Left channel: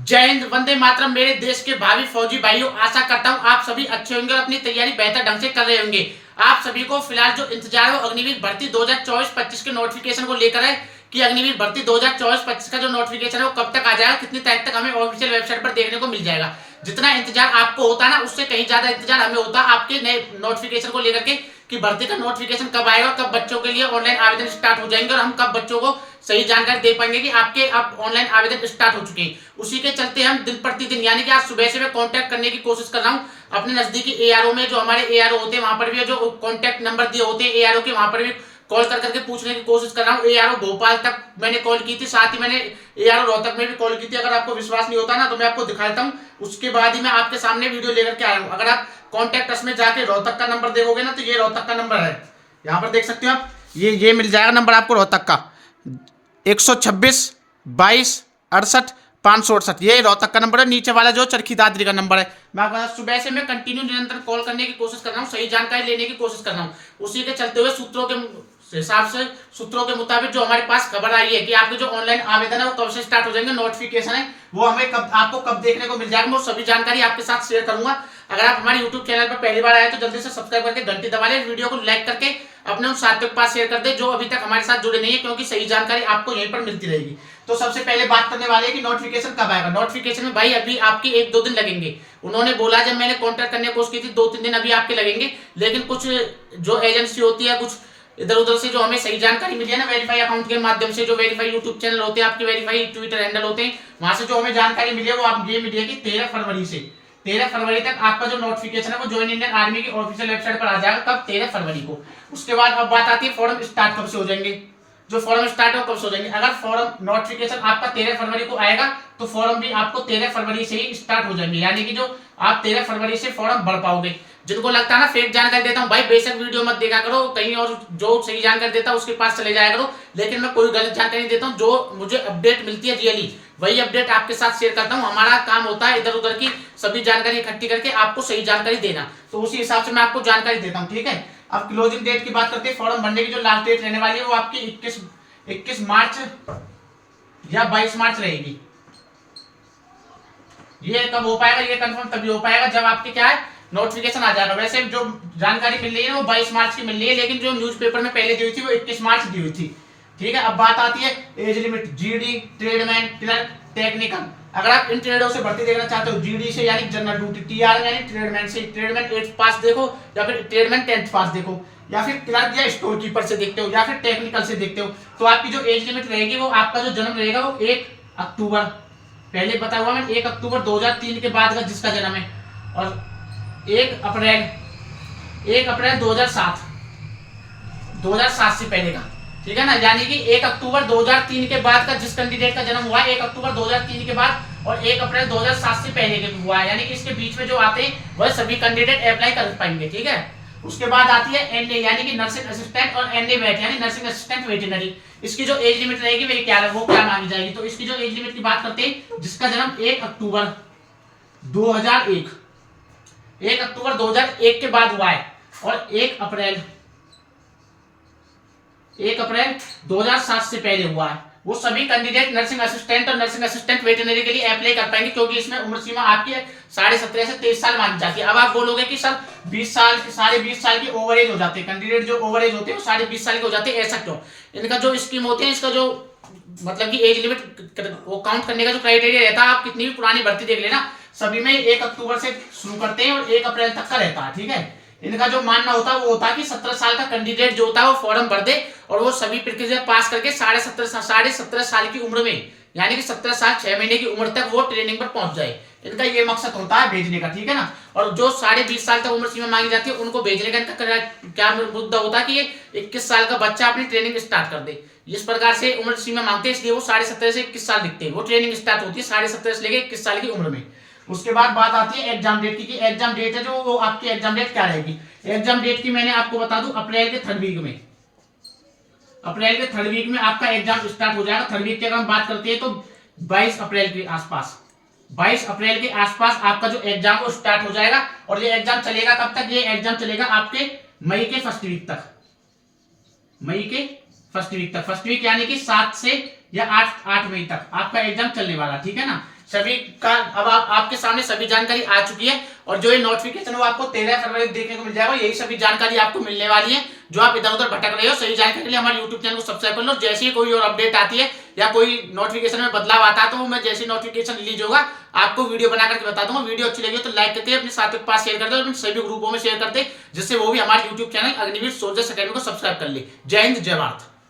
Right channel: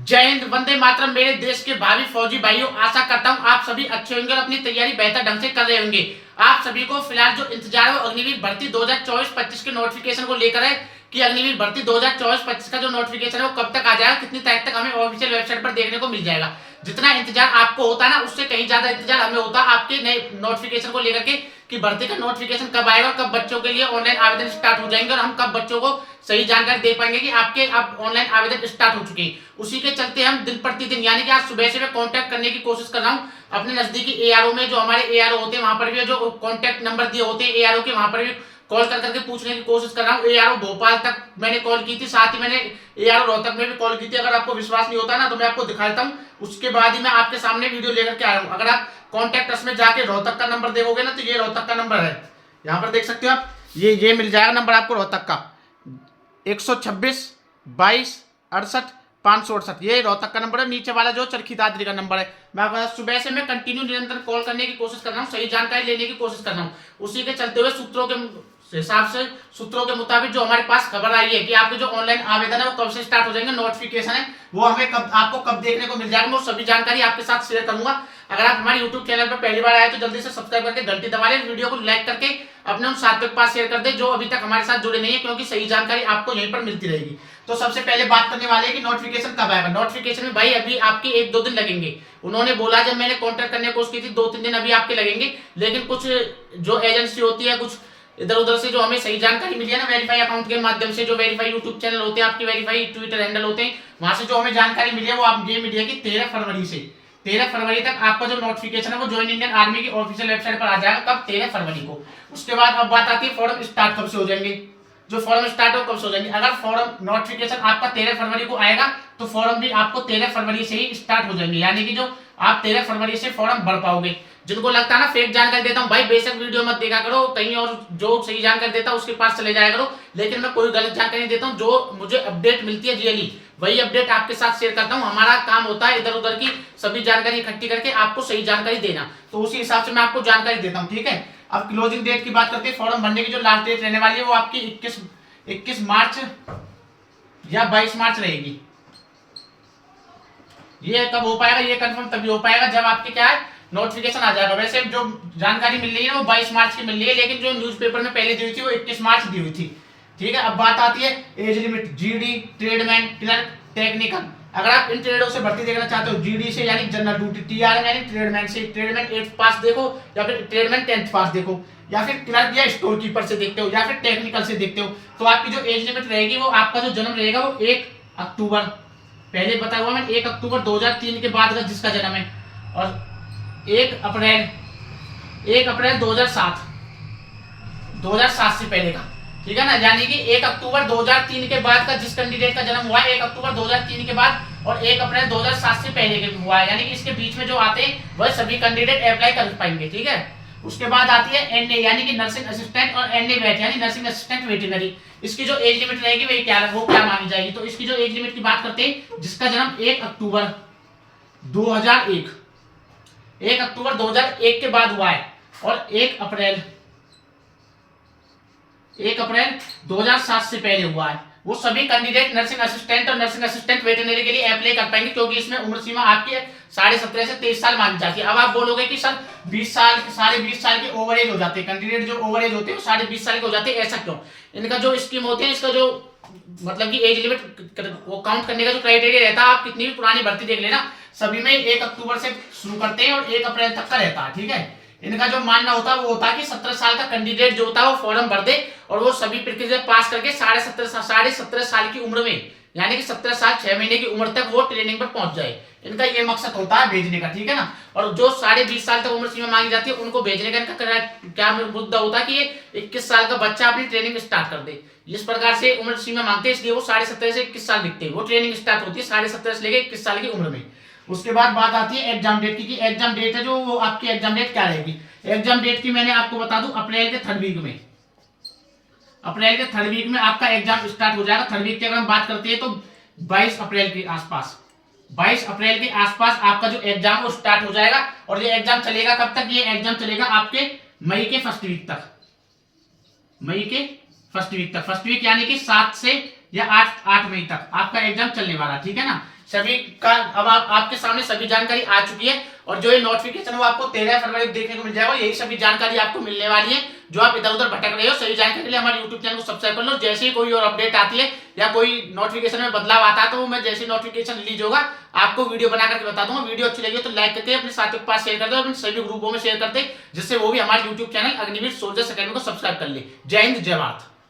जय हिंद, वंदे मातरम। मेरे देश के भावी फौजी भाइयों, आशा करता हूँ आप सभी अच्छे होंगे और अपनी तैयारी बेहतर ढंग से कर रहे होंगे। आप सभी को फिलहाल जो इंतजार है वो अग्निवीर भर्ती 2024-25 के नोटिफिकेशन को लेकर है कि अग्निवीर भर्ती 2024-25 का जो नोटिफिकेशन है वो कब तक आ जाएगा, कितनी तारीख तक हमें ऑफिशियल वेबसाइट पर देखने को मिल जाएगा। जितना इंतजार आपको होता है ना, उससे कहीं ज्यादा इंतजार हमें होता है आपके नए नोटिफिकेशन को लेकर के कि भर्ती का नोटिफिकेशन कब आएगा और कब बच्चों के लिए ऑनलाइन आवेदन स्टार्ट हो जाएंगे और हम कब बच्चों को सही जानकारी दे पाएंगे कि आपके अब ऑनलाइन आवेदन स्टार्ट हो चुके हैं। उसी के चलते हम दिन प्रतिदिन यानी कि आज सुबह से मैं कांटेक्ट करने की कोशिश कर रहा हूँ अपने नजदीकी एआरओ में, जो हमारे एआरओ होते हैं वहां पर भी, जो कांटेक्ट नंबर दिए होते हैं एआरओ के, वहां पर भी कॉल कर करके पूछने की कोशिश कर रहा हूँ। एआरओ भोपाल तक मैंने कॉल की थी, साथ ही मैंने एआरओ रोहतक में भी कॉल की थी। अगर आपको विश्वास नहीं होता ना तो मैं आपको दिखाता हूँ, उसके बाद ही मैं आपके सामने वीडियो लेकर के आया हूँ। अगर आप कॉन्टैक्ट अस में जाके रोहतक का नंबर देखोगे ना तो ये रोहतक का नंबर है, यहाँ पर देख सकते हो आप, ये मिल जाएगा नंबर आपको रोहतक का 126 22 68 568। ये रोहतक का नंबर है। नीचे वाला जो चरखी दादरी का नंबर है। मैं सुबह से मैं कंटिन्यू निरंतर कॉल करने की कोशिश कर रहा हूँ, सही जानकारी लेने की कोशिश कर रहा हूँ। उसी के चलते हुए सूत्रों के हिसाब से, सूत्रों के मुताबिक जो हमारे पास खबर आई है कि आपके जो ऑनलाइन आवेदन है वो कब से स्टार्ट हो जाएंगे, नोटिफिकेशन है वो हमें कब, आपको कब देखने को मिल जाएगा, मैं सभी जानकारी आपके साथ शेयर करूंगा। अगर आप हमारे यूट्यूब चैनल पर पहली बार आए तो जल्दी से सब्सक्राइब करके घंटी दबा लें, वीडियो को लाइक करके अपने उन साथियों के पास शेयर कर दे जो अभी तक हमारे साथ जुड़े नहीं है, क्योंकि सही जानकारी आपको यहीं पर मिलती रहेगी। तो सबसे पहले बात करने वाले हैं कि नोटिफिकेशन कब आएगा। नोटिफिकेशन में भाई अभी आपके 1-2 दिन लगेंगे। उन्होंने बोला, जब मैंने कॉन्टैक्ट करने की कोशिश की थी 2-3 दिन अभी आपके लगेंगे, लेकिन कुछ जो एजेंसी होती है, कुछ इधर उधर से जो हमें सही जानकारी मिली है ना, वेरीफाई अकाउंट के माध्यम से, जो वेरीफाई यूट्यूब चैनल होते हैं आपके, वेरीफाई ट्विटर हैंडल होते हैं, वहां से जो हमें जानकारी मिली है वो आप ये मिली है कि 13 फरवरी तक आपका जो नोटिफिकेशन है वो ज्वाइन इंडियन आर्मी की ऑफिशियल वेबसाइट पर आ जाएगा। कब? 13 फरवरी को। उसके बाद अब बात आती है फॉर्म स्टार्ट कब से हो जाएंगे, जो फॉर्म स्टार्ट हो कब से हो जाएंगे। अगर फॉर्म नोटिफिकेशन आपका 13 फरवरी को आएगा तो फॉर्म भी आपको 13 फरवरी से ही स्टार्ट हो जाएंगे, यानी कि जो आप 13 फरवरी से फॉर्म भर पाओगे। जिनको लगता है ना फेक जानकारी देता हूँ, भाई बेशक वीडियो मत देखा करो, कहीं और जो सही जानकारी देता है उसके पास चले जाया करो, लेकिन मैं कोई गलत जानकारी नहीं देता हूँ। जो मुझे अपडेट मिलती है रियली वही अपडेट आपके साथ शेयर करता हूँ। हमारा काम होता है इधर उधर की सभी जानकारी इकट्ठी करके आपको सही जानकारी देना, तो उसी हिसाब से मैं आपको जानकारी देता हूँ, ठीक है। अब क्लोजिंग डेट की बात करते हैं। फॉर्म भरने की जो लास्ट डेट रहने वाली है वो आपकी 21 मार्च या 22 मार्च रहेगी। ये कब हो पाएगा, ये कंफर्म तभी हो पाएगा जब आपके क्या है नोटिफिकेशन आ जाएगा। वैसे जो जानकारी मिल रही है वो 22 मार्च की मिल रही है, लेकिन जो न्यूज़पेपर में पहले दी हुई थी वो 21 मार्च दी हुई थी, ठीक है। अब बात आती है age limit, GD, tradesman, clerk, technical. अगर आप इन ट्रेडों से भर्ती देखना चाहते हो, जीडी से यानी जनरल ड्यूटी, टीआरएम यानी ट्रेडमैन से, ट्रेडमैन 8th पास देखो या फिर ट्रेडमैन 10th पास देखो, या फिर क्लर्क या स्टोर कीपर से देखते हो, या फिर टेक्निकल से देखते हो, तो आपकी जो एज लिमिट रहेगी वो आपका जो जन्म रहेगा वो 1 अक्टूबर, पहले बताया हुआ मैंने 1 अक्टूबर 2003 के बाद का जिसका जन्म है, और 1 अप्रैल 2007 से पहले का, ठीक है ना। यानी कि 1 अक्टूबर 2003 के बाद का जिस कैंडिडेट का जन्म हुआ है 1 अक्टूबर 2003 के बाद और 1 अप्रैल 2007 से पहले के हुआ है, यानी कि इसके बीच में जो आते हैं वह सभी कैंडिडेट अप्लाई कर पाएंगे, ठीक है। उसके बाद आती है एनए यानी कि नर्सिंग असिस्टेंट, और एनए वेट यानी नर्सिंग असिस्टेंट वेटरनरी। इसकी जो एज लिमिट रहेगी वो क्या मांगी जाएगी, तो इसकी जो एज लिमिट की बात करते हैं, जिसका जन्म 1 अक्टूबर 2001 के बाद हुआ है और 1 अप्रैल 2007 से पहले हुआ है, वो सभी कैंडिडेट नर्सिंग असिस्टेंट और नर्सिंग असिस्टेंट वेटरनरी के लिए अप्लाई कर पाएंगे, क्योंकि इसमें उम्र सीमा आपकी 17.5 से 23 साल मांगी जाती है। अब आप बोलोगे कि सर 20 साल, 20.5 साल की ओवर एज हो जाती है, कैंडिडेट जो ओवर एज होते हैं वो 20.5 साल के हो जाते हैं, ऐसा क्यों? इनका जो स्कीम होते हैं, इसका जो मतलब कि एज लिमिट वो काउंट करने का जो क्राइटेरिया रहता है, आप कितनी भी पुरानी भर्ती देख लेना, सभी में 1 अक्टूबर से शुरू करते हैं और 1 अप्रैल तक का रहता है, ठीक है। इनका जो मानना होता है वो होता है कि 17 साल का कैंडिडेट जो होता है वो फॉर्म भर दे और वो सभी प्रक्रिया पास करके 17.5 साल की उम्र में, यानी कि 17 साल 6 महीने की उम्र तक वो ट्रेनिंग पर पहुंच जाए। इनका ये मकसद होता है भेजने का, ठीक है ना। और जो 20.5 साल तक उम्र सीमा मांगी जाती है उनको भेजने का इनका क्या मुद्दा होता है कि ये 21 साल का बच्चा अपनी ट्रेनिंग स्टार्ट कर दे। इस प्रकार से उम्र सीमा मांगते हैं, इसलिए वो 17.5 से 21 साल दिखते हैं। वो ट्रेनिंग स्टार्ट होती है 17.5 से लेकर 21 साल की उम्र में। उसके बाद बात आती है एग्जाम डेट की, एग्जाम डेट है जो वो आपकी एग्जाम डेट क्या रहेगी। एग्जाम डेट की मैंने आपको बता दूं, अप्रैल के 3rd वीक में, अप्रैल के 3rd वीक में आपका एग्जाम स्टार्ट हो जाएगा। 3rd वीक की अगर हम बात करते हैं तो 22 अप्रैल के आसपास, 22 अप्रैल के आसपास आपका जो एग्जाम वो स्टार्ट हो जाएगा। और ये एग्जाम चलेगा कब तक? ये एग्जाम चलेगा आपके मई के 1st वीक तक, मई के 1st वीक तक। 1st वीक यानी कि 7 से या 8 मई तक आपका एग्जाम चलने वाला, ठीक है ना। सभी का अब आपके सामने सभी जानकारी आ चुकी है, और जो ये नोटिफिकेशन वो आपको 13 फरवरी को देखने को मिल जाएगा। यही सभी जानकारी आपको मिलने वाली है, जो आप इधर उधर भटक रहे हो। सही जानकारी के लिए हमारे यूट्यूब चैनल को सब्सक्राइब कर लो। जैसे ही कोई और अपडेट आती है या कोई नोटिफिकेशन में बदलाव आता है, तो मैं जैसे नोटिफिकेशन रिलीज होगा आपको वीडियो बना करके बता दूंगा। वीडियो अच्छी लगी तो लाइक करके अपने साथियों के पास शेयर कर दो, अपने सभी ग्रुपों में शेयर करते, जिससे वो भी हमारे YouTube channel Agniveer soldiers academy को सब्सक्राइब कर ले। जय हिंद, जय भारत।